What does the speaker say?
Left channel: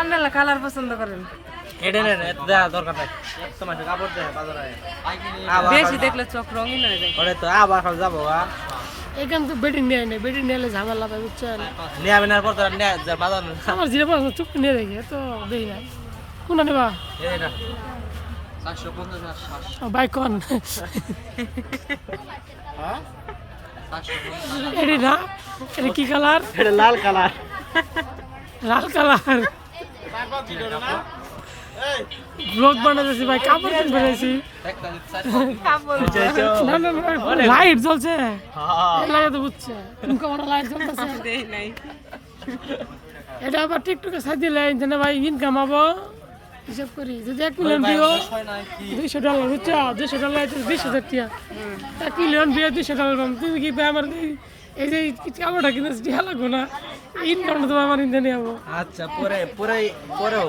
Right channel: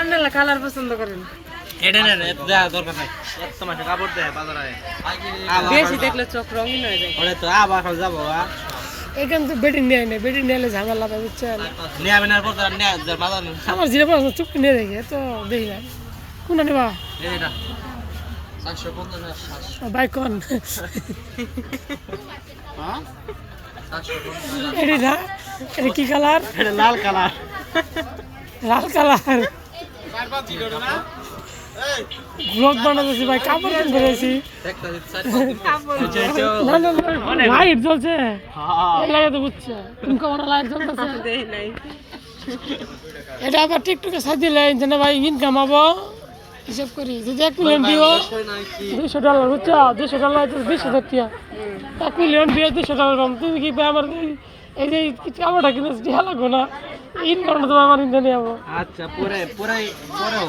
আপনারা কালার পছন্দ করেন? এটা না দেয়া দরকার নাই এত মাসে কাপড় দেয় বাজারে বেশি দেখলে চোখ রঙিন হয়ে যায়। ওরে তো আবার খাও যাবো এখান তো বেটি নিয়ে নেই, বেটি নিয়ে ঝামেলা পাবে বুঝছেন। নিয়ে আমি না করতে বাজার আমার জিরে পড়াশোনা চুপ নিয়ে দেখে তো দেখি না কোনটা নেবা এটা 450 বাইক কোন হ্যাঁ এটি না এটা কি কালার? এটা লাল কালার লাল কালার ব্লগ বানাতেছি ভাই, কাপড় কিন করেছি। না না লাইট জ্বলছে লাগে তো বুঝছে তুমি কখন লাইট জ্বলতেছে নাই এটা আবার টিকটকে সাজ দিলে না ভাই ইনকাম হবো হিসাব করি যদি 1 মিলিয়ন ভিউ $200 বুঝছো $200 $20,000 টাকা 1 মিলিয়ন ভিউ $200 তুমি কি আমার এই যে চামড়া কিনেছি টিয়া লাগবো না ইনকামটা তো আমার ইনকাম নেবো আচ্ছা পরে পরে পরে